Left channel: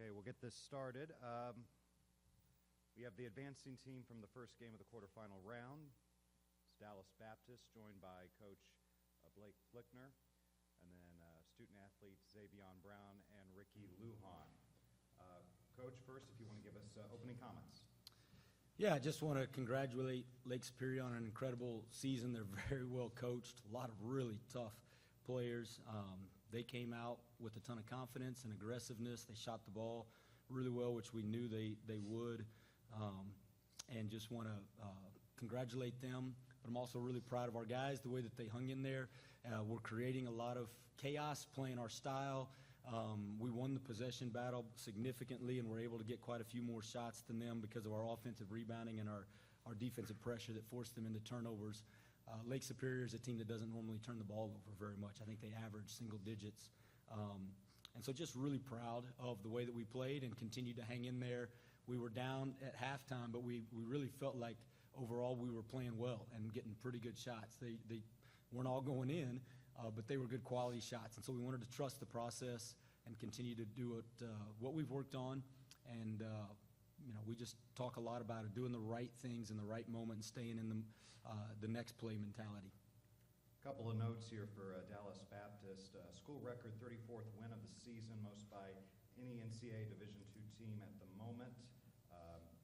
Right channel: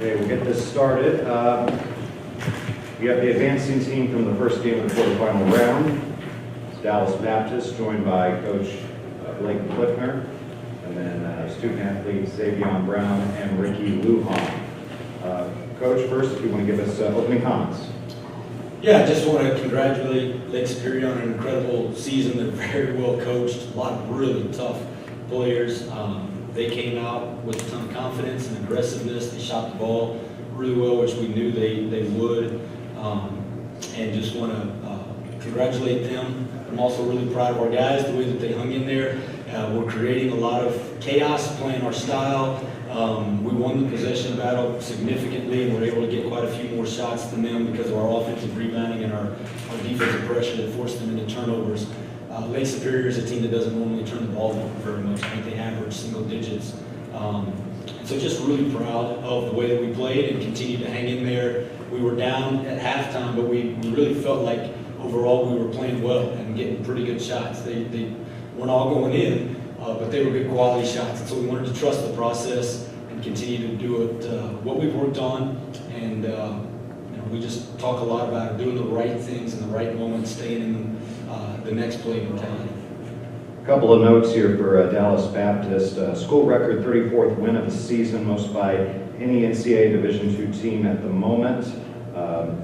Okay, we'll get this started. We have the advancing team from the first game of the quarterfinal round. It's Dallas Baptist, joined by Coach Blake Flickner, and then student athletes Xavion Brown and Ricky Lujan. Coach, first, if you want to give us opening comments. Yeah, I just want to congratulate Lake Superior on an incredible season. They're very well coached, a lot of really tough players. They came out with a ton of confidence and aggressiveness. They shot the ball really well, which we knew they would. And just want to congratulate them. I'm also really proud of our guys, the way that they hung in there. We're creating a lot of chaos, playing our style. We won the possession battle significantly, and we're able to get quite a few more shots than them because of our offensive rebounding and our defensive pressure that forced them into turnovers. Lake Superior is a team that doesn't normally turn the ball over very much. I think they average single digits. So just really proud of the way that we played and continued to hang in there. We were down at halftime, but we really felt like overall we were playing well and getting pretty good shots. They weren't all going in, but they were good quality shots. And so we wanted to trust the process and continue to do it, what we've worked on. And we just talk a lot about doing the right things in the right moments, staying in the next play mentality. A couple of notes here for Dallas Baptist. School record 34th win of the season, most by any NCAA Division II team at the moment.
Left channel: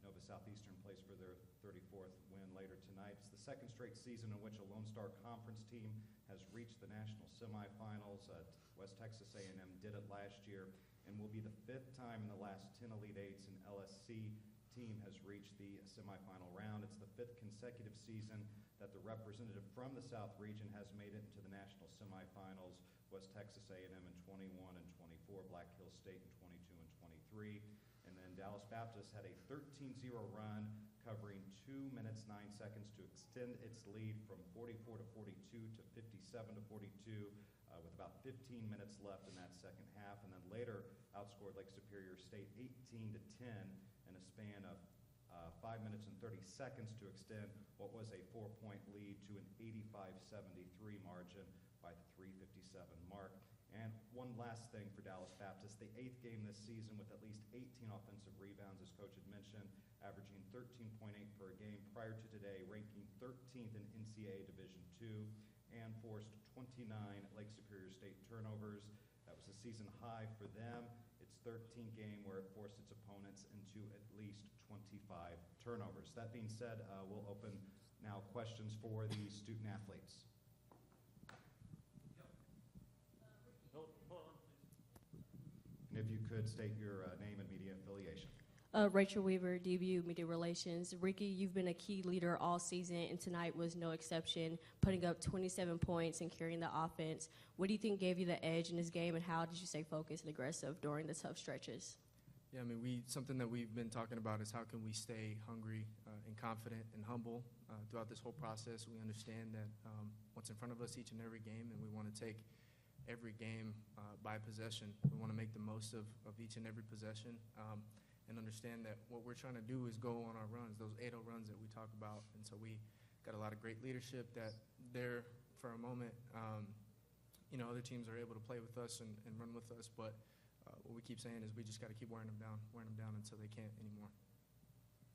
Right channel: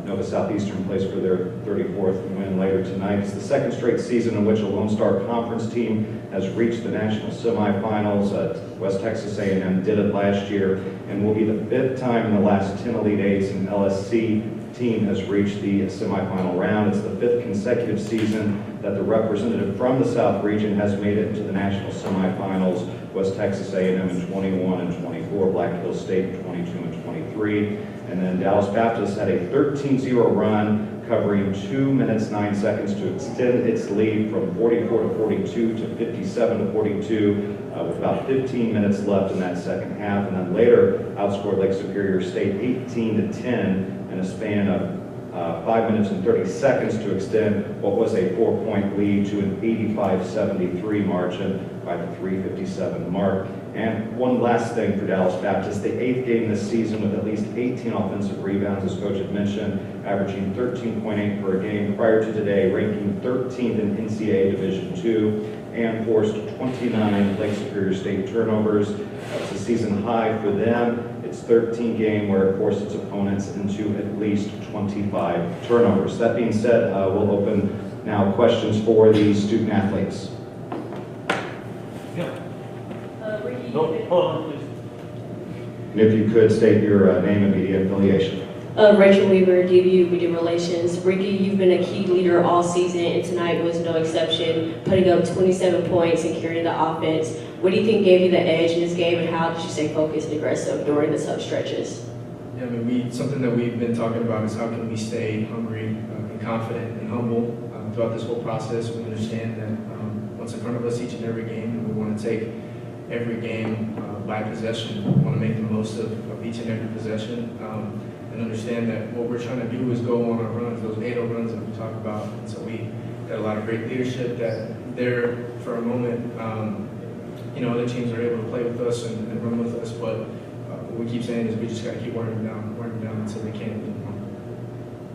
Nova Southeastern plays for their 34th win later tonight. It's the second straight season in which a Lone Star Conference team has reached the national semifinals. West Texas A&M did it last year, and will be the fifth time in the last 10 Elite Eights an LSC team has reached the semifinal round. It's the fifth consecutive season that the representative from the South region has made it into the national semifinals. West Texas A&M in 21 and 24, Black Hills State in 22 and 23. And then Dallas Baptist had a 13-0 run, covering 2 minutes 9 seconds to extend its lead from 44 to 42 to 57 to 42, with about 15 minutes left in that second half. And then later outscored Lake Superior State 18 to 10 in a span of 5 minutes and 30 seconds to extend what was a 4-point lead to an 85-73 margin by the 3:57 mark. And one last thing for Dallas Baptist, the 8th game this season with at least 18 offensive rebounds, as Coach had mentioned, averaging 13.8 per game. Prior to today, ranking 13th in NCAA Division II, and forced 29 Lake Superior State turnovers. That's a season high for them. It's 13 game where it forced its opponents into at least 25 turnovers. That being said, we'll open now questions for the student athletes. No, hold on, please. And if you could state your name and media affiliation. Rachel Weaver, DBU Media Relations. Ricky, you've been a key leader all season, and tonight was no exception, putting up 27 points and carrying the offense. What do you think gave you the edge in this game, and how did you stay focused and aggressive during the tough stretches? Yeah, I mean, something that we've been talking about is how can we stay hungry and confident and humble throughout this whole process. We understand that what's in front of us each and every game, and we want to take every game by possession. We want to make the most of each and every possession, and understand that what we're trying to do is go on our runs, those 8-0 runs that we talk about. And so we got a lot of great leadership that there for a moment, other teams are able to play with us and run with us, but what we keep saying is we just got to keep wearing them down until they can't anymore.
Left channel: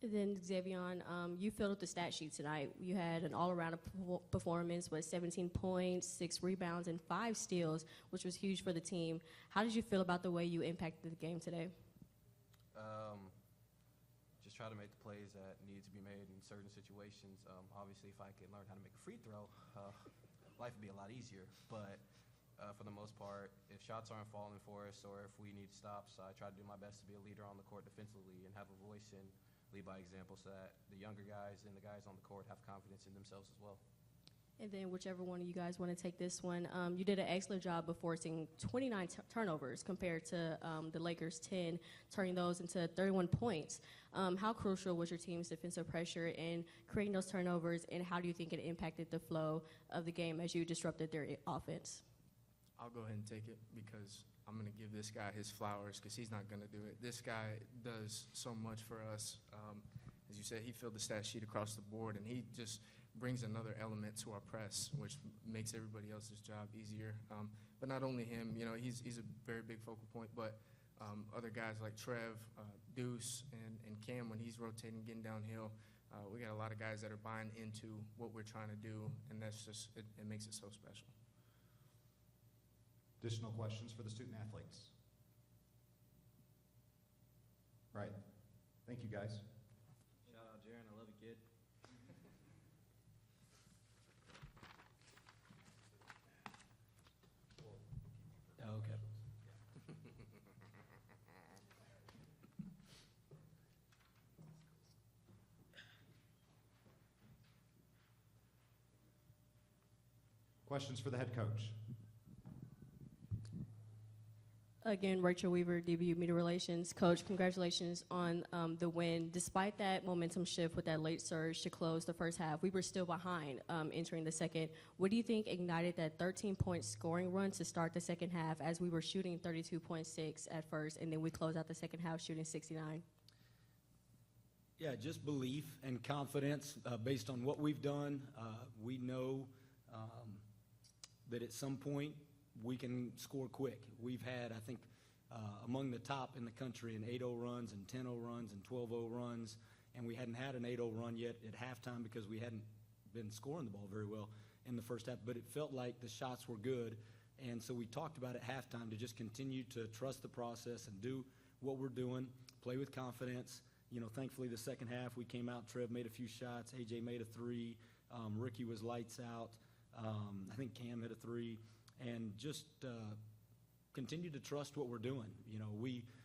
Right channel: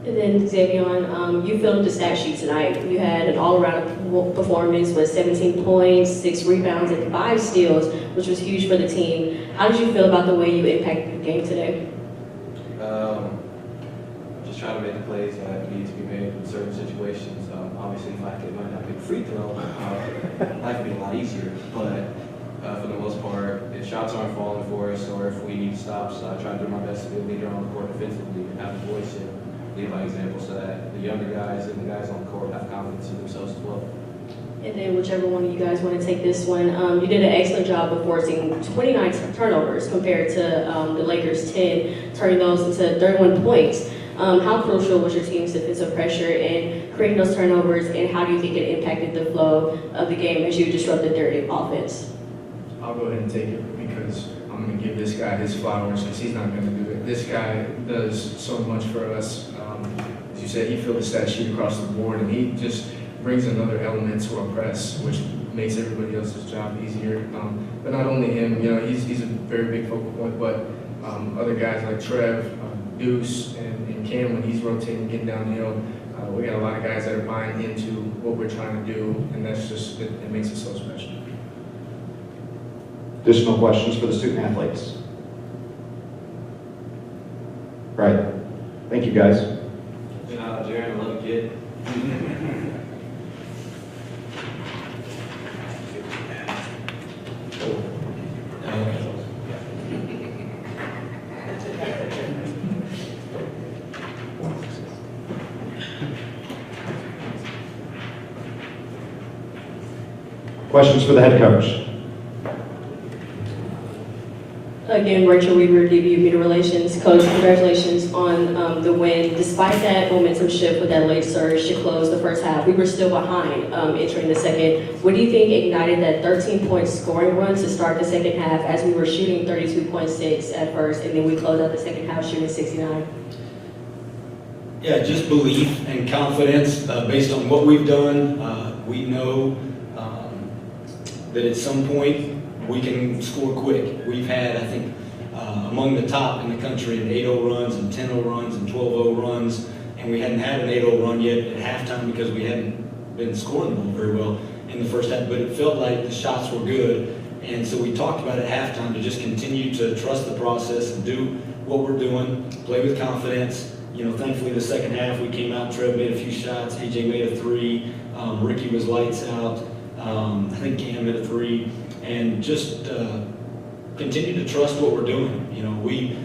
And then Xavion, you filled the stat sheet tonight. You had an all-around performance with 17 points, 6 rebounds, and 5 steals, which was huge for the team. How did you feel about the way you impacted the game today? Just trying to make the plays that need to be made in certain situations. Obviously, if I could learn how to make a free throw, life would be a lot easier. But for the most part, if shots aren't falling for us or if we need stops, I try to do my best to be a leader on the court defensively and have a voice and lead by example so that the younger guys and the guys on the court have confidence in themselves as well. And then whichever one of you guys want to take this one, you did an excellent job of forcing 29 turnovers compared to the Lakers' 10, turning those into 31 points. How crucial was your team's defensive pressure in creating those turnovers, and how do you think it impacted the flow of the game as you disrupted their offense? I'll go ahead and take it because I'm going to give this guy his flowers because he's not going to do it. This guy does so much for us. said, he filled the stat sheet across the board, and he just brings another element to our press, which makes everybody else's job easier. But not only him, you know, he's a very big focal point, but other guys like Trev, Deuce, and Cam, when he's rotating, getting downhill, we got a lot of guys that are buying into what we're trying to do, and that's just, it makes it so special. Additional questions for the student athletes? All right. Thank you, guys. Jaron, I love you, kid. Questions for the head coach? Again, Rachel Weaver, DBU Media Relations. Coach, congratulations on the win. Despite that momentum shift with that late surge to close the first half, we were still behind entering the second. What do you think ignited that 13-point scoring run to start the second half as we were shooting 32.6 at first, and then we closed out the second half shooting 69? Yeah, just belief and confidence based on what we've done. We know that at some point we can score quick. We've had, I think, among the top in the country in 8-0 runs and 10-0 runs and 12-0 runs, and we hadn't had an 8-0 run yet at halftime because we hadn't been scoring the ball very well in the first half, but it felt like the shots were good. And so we talked about at halftime to just continue to trust the process and do what we're doing, play with confidence. You know, thankfully the second half we came out, Trev made a few shots, AJ made a 3, Ricky was lights out, I think Cam made a 3, and just continue to trust what we're doing. You know, we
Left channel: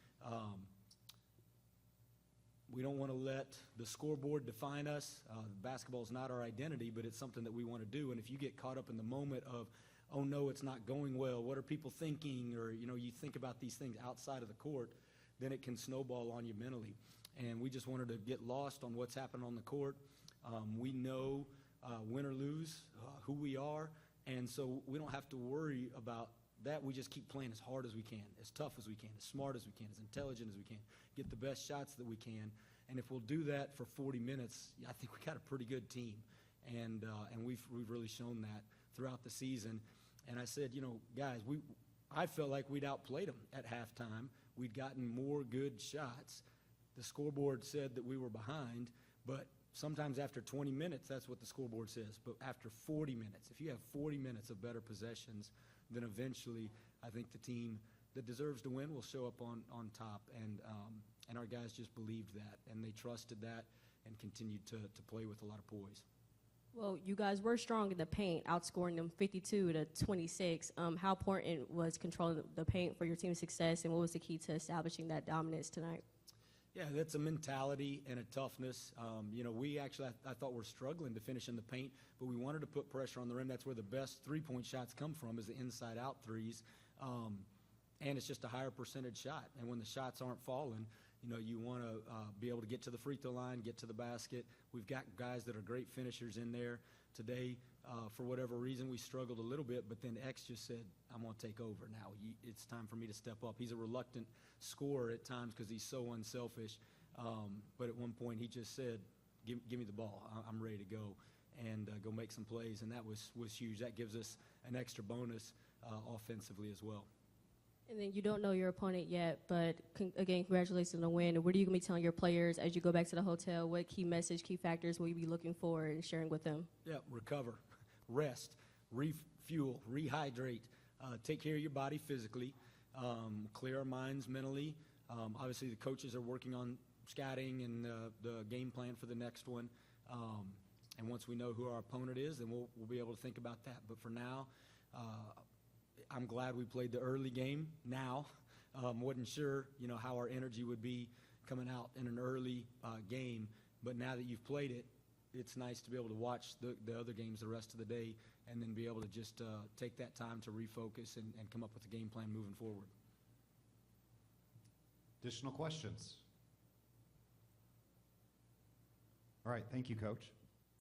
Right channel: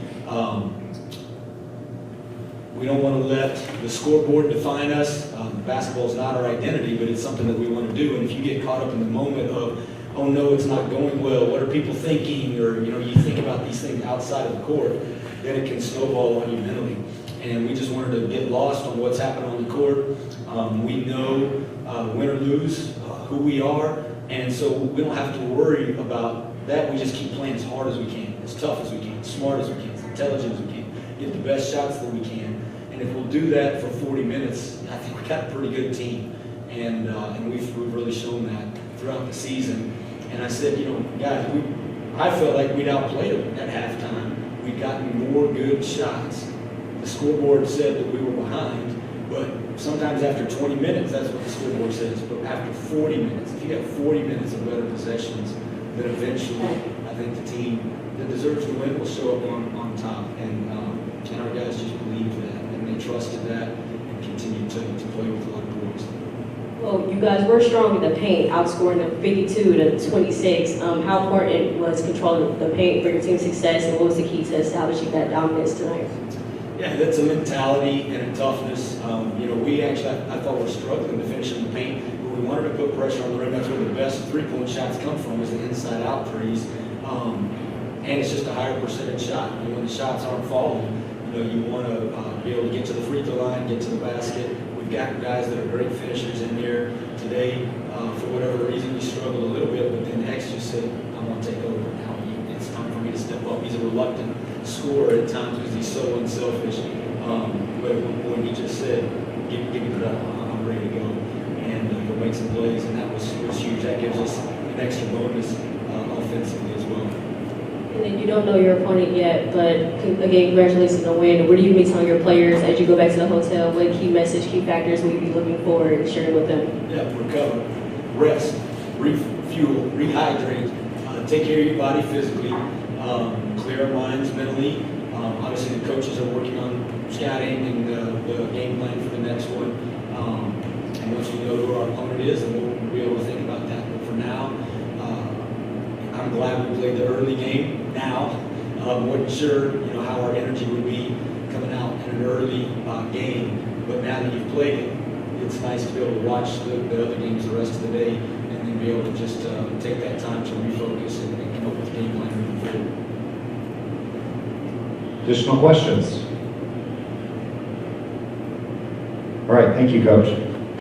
don't want to let the scoreboard define us. Basketball is not our identity, but it's something that we want to do. And if you get caught up in the moment of, oh no, it's not going well, what are people thinking? Or, you know, you think about these things outside of the court, then it can snowball on you mentally. And we just wanted to get lost on what's happening on the court. We know win or lose who we are, and so we don't have to worry about that. We just keep playing as hard as we can, as tough as we can, as smart as we can, as intelligent as we can, get the best shots that we can. And if we'll do that for 40 minutes, I think we got a pretty good team. And we've really shown that throughout the season. And I said, you know, guys, I felt like we'd outplayed them at halftime. We'd gotten more good shots. The scoreboard said that we were behind, but sometimes after 20 minutes, that's what the scoreboard says. But after 40 minutes, if you got 40 minutes of better possessions, then eventually, I think the team that deserves to win will show up on top. And our guys just believed that, and they trusted that, and continued to play with a lot of boards. Well, you guys were strong in the paint, outscoring them 52-26. How important was controlling the paint for your team's success, and what was the key to establishing that dominance tonight? Yeah, that's a mentality and a toughness. You know, we actually, I thought we were struggling to finish in the paint, but we wanted to put pressure on the rim. That's where the best three-point shots come from, is the inside-out threes. And it's just a higher percentage shot. And when the shots aren't falling, you know, you want to be able to get to the free throw line, get to the basket. We've got guys that are great finishers in there. Today, for whatever reason, we struggled a little bit, but then X just said, I want to take over now. It's time for me to step up. He's a reluctant scorer at times because he's so unselfish. But at one point, he just said, give me the ball. I'm ready to go. And he'll make some plays, and that was huge. That gives us an extra bonus offensively as well. And then you don't know your opponent yet, but again, congratulations on the win. What do you be telling your players as you go back to the hotel? What key message, key factors will you be looking forward and sharing with them? Yeah, recover, rest, refuel, rehydrate, take care of your body physically, clear our minds mentally. Obviously, the coaches are working on scouting and the game plan for the next one. And once we know who our opponent is, then we'll be able to think about that. But for now, I'm glad we played the early game now. Wasn't sure, how our energy would be coming out in an early game. But now that you've played it, it's nice to be able to watch the other games the rest of the day and then be able to just take that time to refocus and come up with a game plan moving forward. Additional questions? All right, thank you, Coach.